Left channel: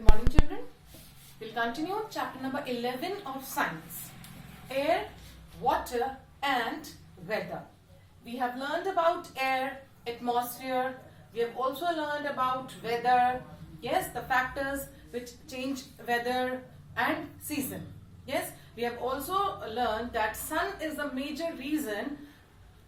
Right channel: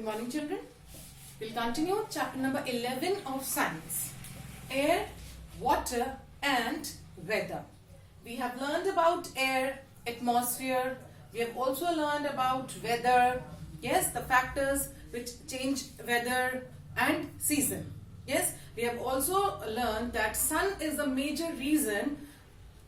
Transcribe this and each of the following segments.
Good morning, children. We'll continue chapter number 11 of science. Air, water and weather. We have learned about air, atmosphere. We have also learned about weather. Yes, the factors which change weather and season. Yes, we have also learned that sun is a major reason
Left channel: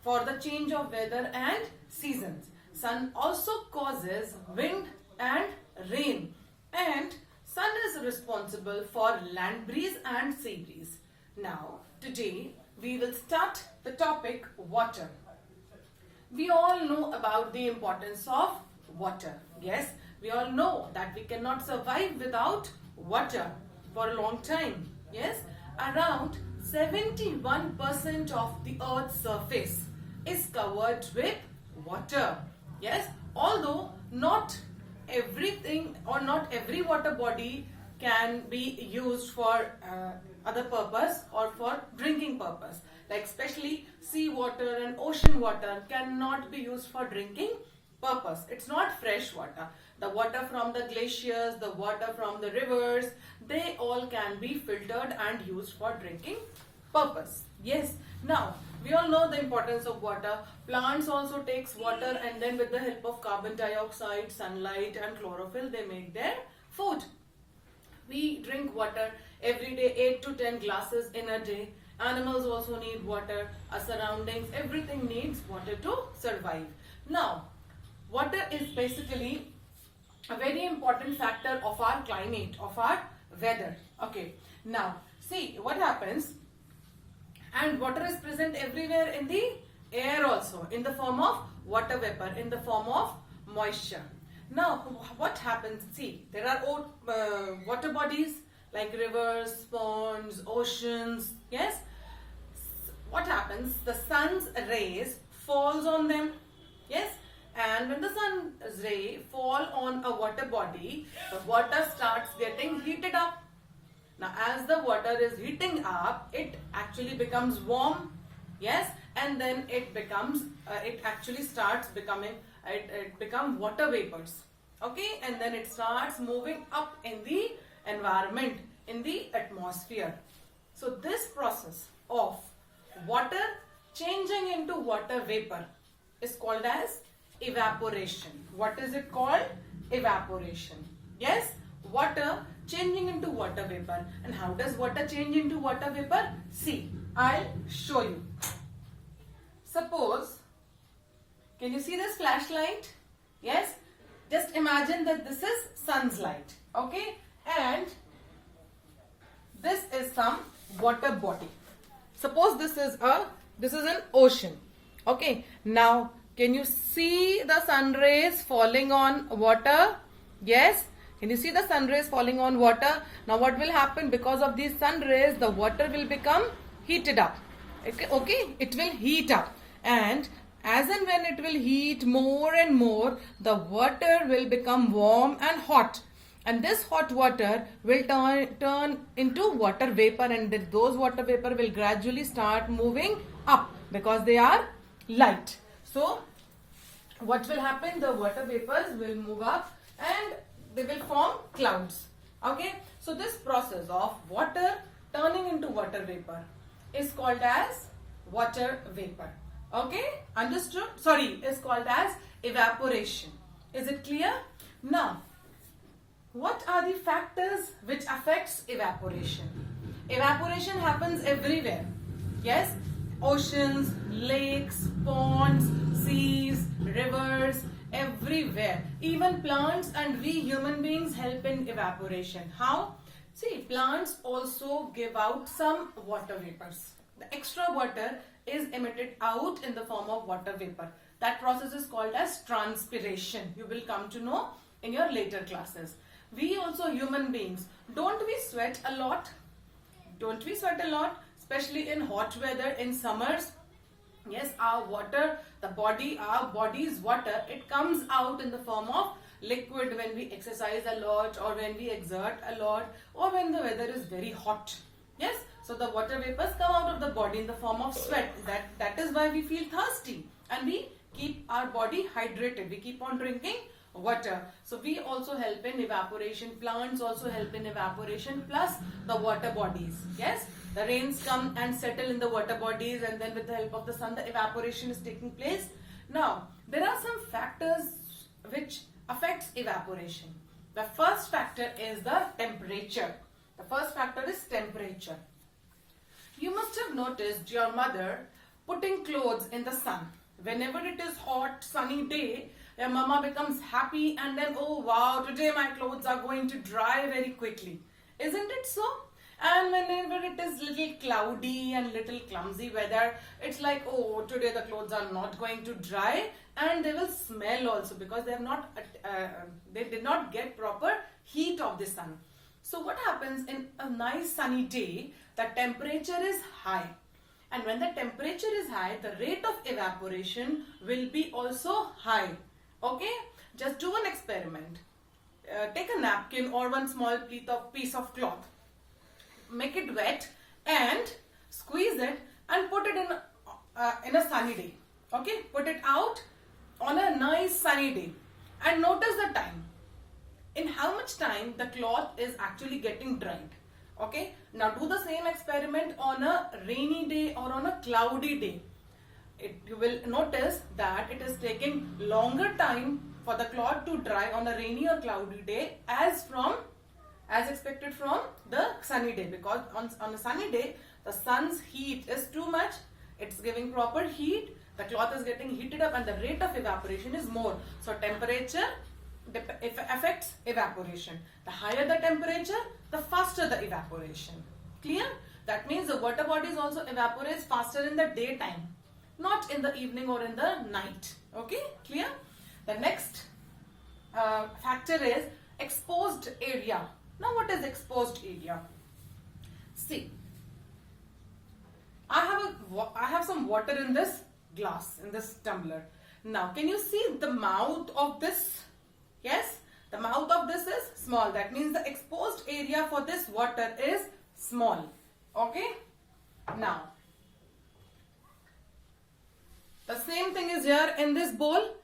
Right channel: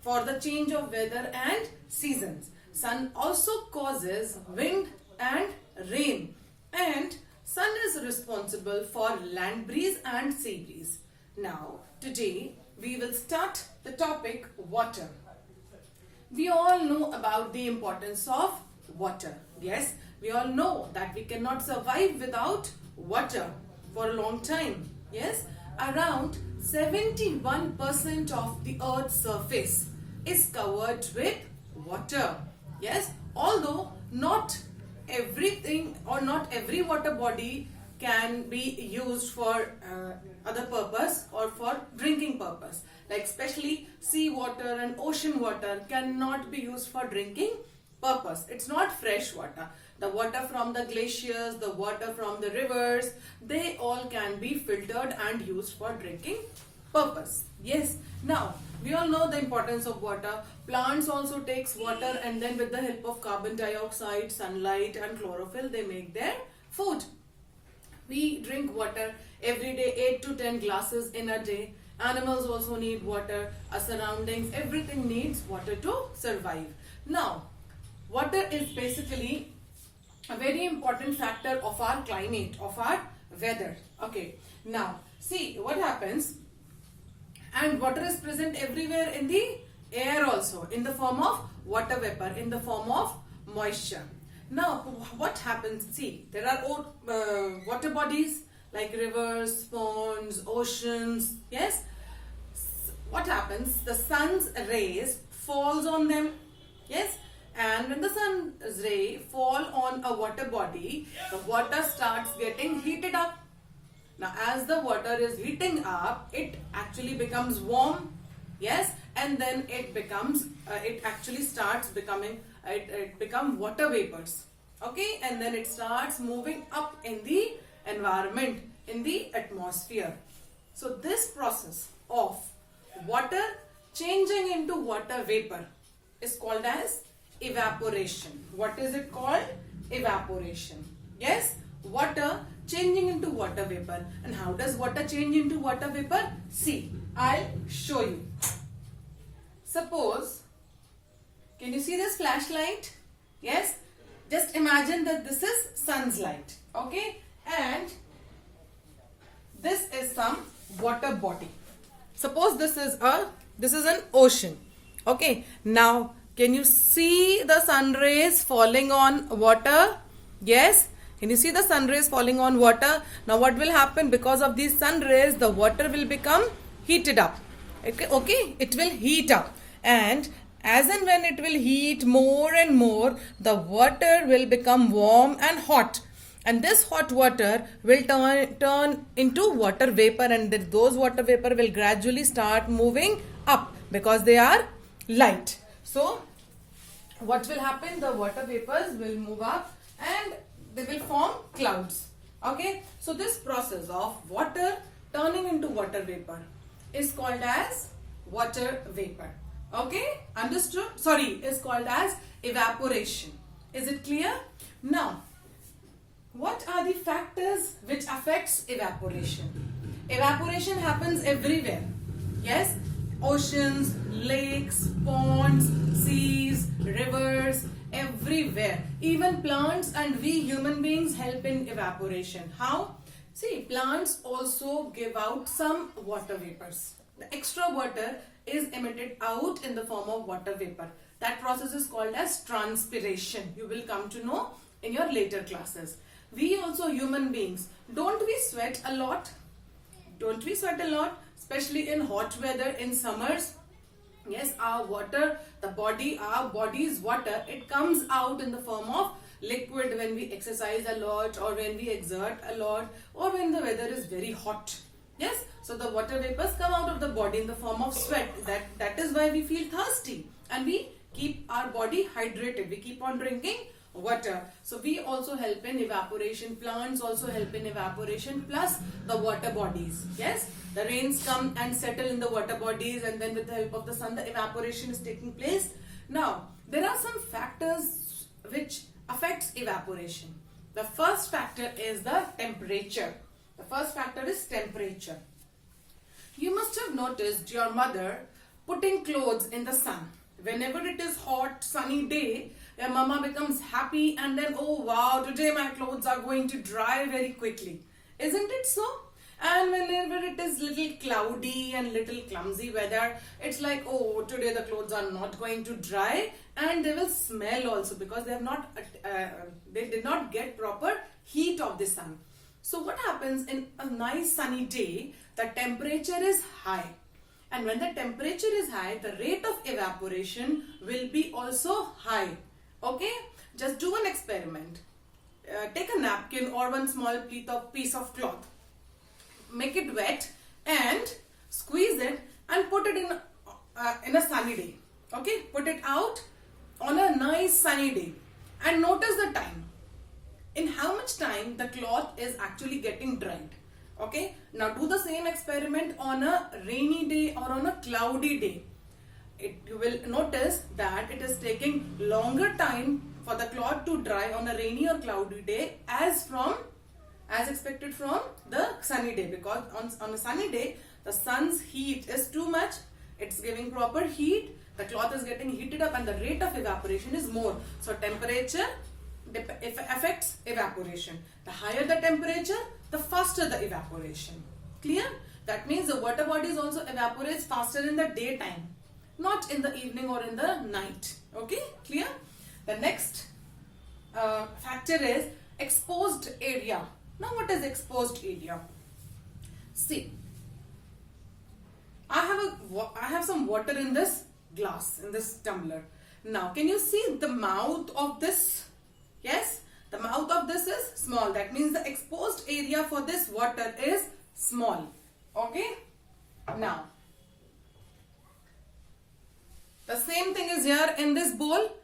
for the change of weather and seasons. Sun also causes wind and rain, and sun is responsible for land breeze and sea breeze. Now, today we will start the topic water. We all know about the importance of water. Yes, we all know that we cannot survive without water for a long time. Yes, around 71% of the earth's surface is covered with water. Yes, although not everything or not every water body can be used for other purpose or for drinking purpose, like especially sea water and ocean water cannot be used for drinking purpose. It's not fresh water. The water from the glaciers, the water from the rivers, they all can be filtered and used for drinking purpose. Yes, now we all know the importance of water. Plants also takes water, and then with the help of carbon dioxide, sunlight and chlorophyll, they make their food. We drink water every day, 8 to 10 glasses in a day. Animals also need water. Our surroundings, everything needs water to survive. Now, water is basically a very important factor of our climate, of our weather. Okay, now see what happens. And water is present everywhere in the air also, in the form of water vapor, in the form of moisture. Now, what happens? See, there are water bodies like rivers, ponds, oceans. Yes, what happens? The sun's rays falls on them. Yes, and when the sun's ray fall on a water body, the water starts getting heated up. Now, as the water is heating up, it actually becomes warm. Yes, and then it becomes, it actually starts becoming, it become water vapors. Okay, and then it starts moving up in the environment, in the atmosphere. So, this process of water changing into water vapor is called as evaporation. What is it called? Evaporation. Yes, water changing into water vapor. And how does water change into water vapor? See, I'll show you. Suppose, can you see this flashlight? Yes, just imagine that this is sun's light. Okay, and this is some water body. Suppose this is an ocean. Okay, now can you see the sun rays falling on water? Yes. Can you see the sun rays falling on water? Now what will happen? Because of these sun rays, the water will become heated up. Okay, it will heat up. And as and when it will heat more and more, the water will become warm and hot. And this hot water will turn into water vapor, and those water vapor will gradually start moving up because they are light. So what will happen? The water vapors will move up and they will form clouds. Okay, so this process of water turning into water vapor is called as water vapor. Okay, understood? Sorry, is called as evaporation. Is it clear? Now, what are the factors which affects evaporation? Evaporation happens everywhere. Yes, oceans, lakes, ponds, seas, rivers, everywhere. Even plants and we human beings help in evaporation. How? See, plants also give out some water vapors. The extra water is emitted out in the form of water vapor. That process is called as transpiration. You will come to know in your later classes. We also human beings, don't we sweat a lot? Don't we sweat a lot? Especially in hot weather, in summers. Yes, our water, our body's water, it comes out in the form of liquid when we exercise a lot or when we exert a lot or when the weather is very hot. Yes, so the water vapors come out of the body in the form of sweat. That is why we feel thirsty and we keep our body hydrated. We keep on drinking water. So we also help in evaporation. Plants also help in evaporation, plus the water bodies. Yes, the rains come and settle in the water bodies, and then with the help of the sun, the evaporation is taking place. Now, there are some factors which affects evaporation. The first factor is the temperature. The first factor is temperature. You must have noticed your mother putting clothes in the sun. Whenever it is hot, sunny day, your mama becomes happy and then, oh wow, today my clothes are going to dry very quickly. Isn't it so? And whenever it is little cloudy and little clumsy weather, it's like, oh, today the clothes are not going to dry, and they will smell also because they did not get proper heat of the sun. So what happens in a nice sunny day, the temperature is high. And when the temperature is high, the rate of evaporation will be also high. Okay? Just do an experiment. Take a napkin or one small piece of cloth. Make it wet and squeeze it and put it in a sunny day. Okay? Put it out on a nice sunny day. And notice the time. In how much time the cloth is actually getting dried. Okay, now do the same experiment on a rainy day or on a cloudy day. You will notice that it is taking longer time for the cloth to dry on a rainy or cloudy day as expected from the sunny day, because on a sunny day the sun's heat is too much. It's giving proper heat, the cloth is getting heated up, and the rate of evaporation is more. So temperature affects evaporation. The higher the temperature, the faster the evaporation. Clear? That means the water bodies also evaporates faster in the daytime, not in the evening or in the night. Okay? Clear? The next factor is exposed area. Now what is exposed area? See, I have some water in this glass, in this tumbler. Now can you see the mouth of this? Yes, the mouth of this is small. That means the exposed area for this water is small. Okay. Now, the same thing is here in this bowl,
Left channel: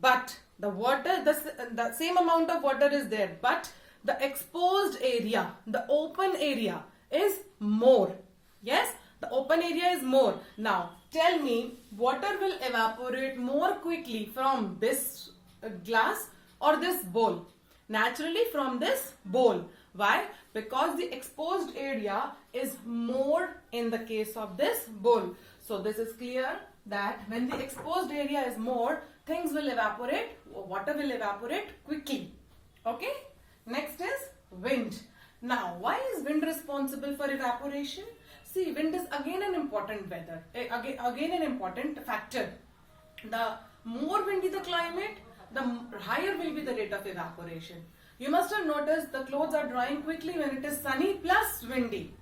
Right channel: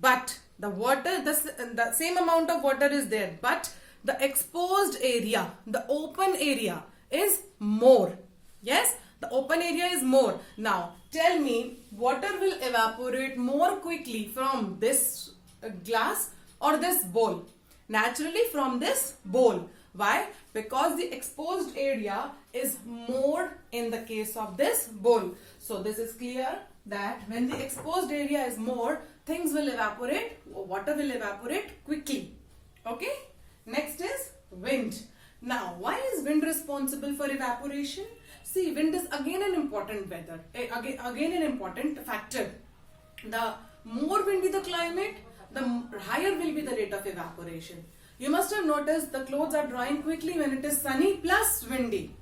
but the water, the same amount of water is there, but the exposed area, the open area is more. Yes, the open area is more. Now, tell me, water will evaporate more quickly from this glass or this bowl? Naturally from this bowl. Why? Because the exposed area is more in the case of this bowl. So this is clear that when the exposed area is more, things will evaporate, water will evaporate quickly. Okay? Next is wind. Now, why is wind responsible for evaporation? See, wind is again an important weather, again an important factor. The more windy the climate, the higher will be the rate of evaporation. You must have noticed the clothes are drying quickly when it is sunny plus windy.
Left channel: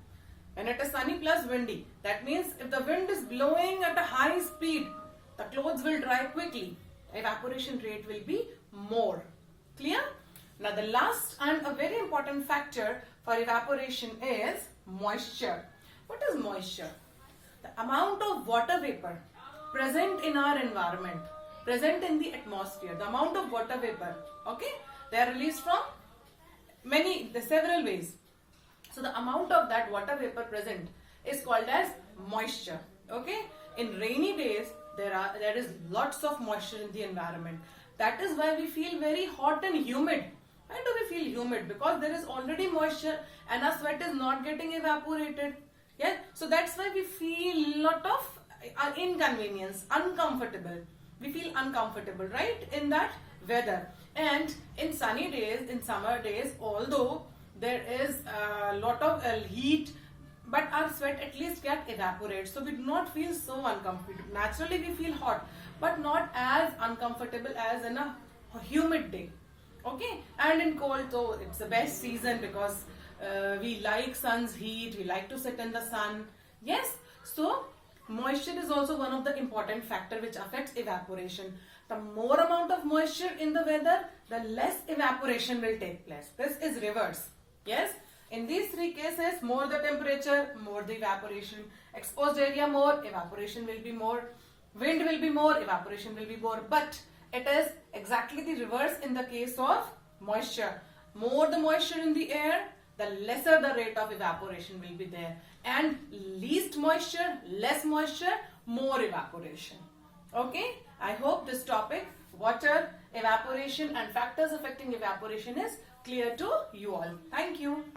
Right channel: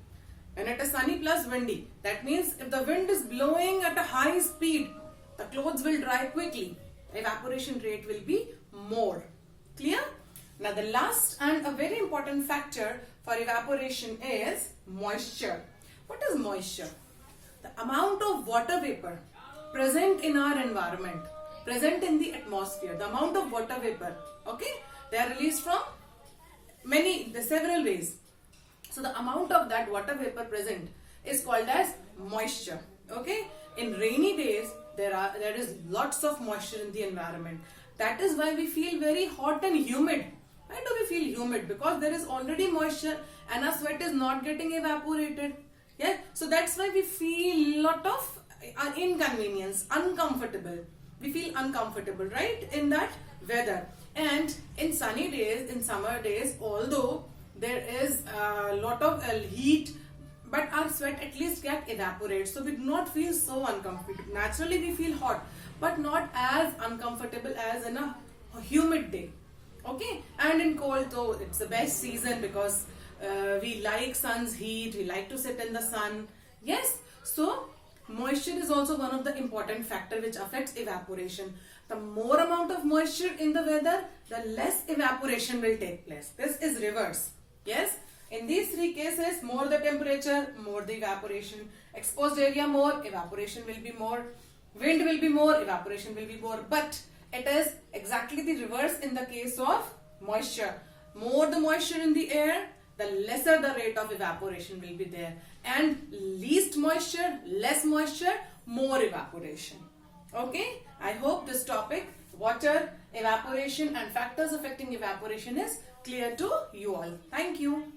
When it is sunny plus windy, that means if the wind is blowing at a high speed, the clothes will dry quickly. Evaporation rate will be more. Clear? Now the last and a very important factor for evaporation is moisture. What is moisture? The amount of water vapor present in our environment, present in the atmosphere, the amount of water vapor, okay, they are released from several ways. So the amount of that water vapor present is called as moisture. Okay, in rainy days there is lots of moisture in the environment. That is why we feel very hot and humid. Why do we feel humid? Because there is already moisture and our sweat is not getting evaporated. Yeah, so that's why we feel lot of inconvenience, uncomfortable. We feel uncomfortable, right, in that weather. And in sunny days, in summer days, although there is a lot of heat, but our sweat at least get evaporated, so we do not feel so uncomfortable. Naturally we feel hot, but not as uncomfortable as in a humid day. Okay, and in cold though it's the best season because we like sun's heat, we like to sit in the sun. Yes, so moisture is also one of the important factor which affects evaporation. The more amount of moisture in the weather, the less evaporation will take place. This is reverse. Yes, in these three cases, more the temperature, more the evaporation. Exposed area more, evaporation will be more. Wind will be more, evaporation will be more. But It is exactly the reverse in the case of moisture. More the moisture in the air, the lesser the rate of evaporation will be there. And least moisture, less moisture, more evaporation. Okay, I hope this topic, water, evaporation and factors affecting evaporation is clear to you all. Thank you.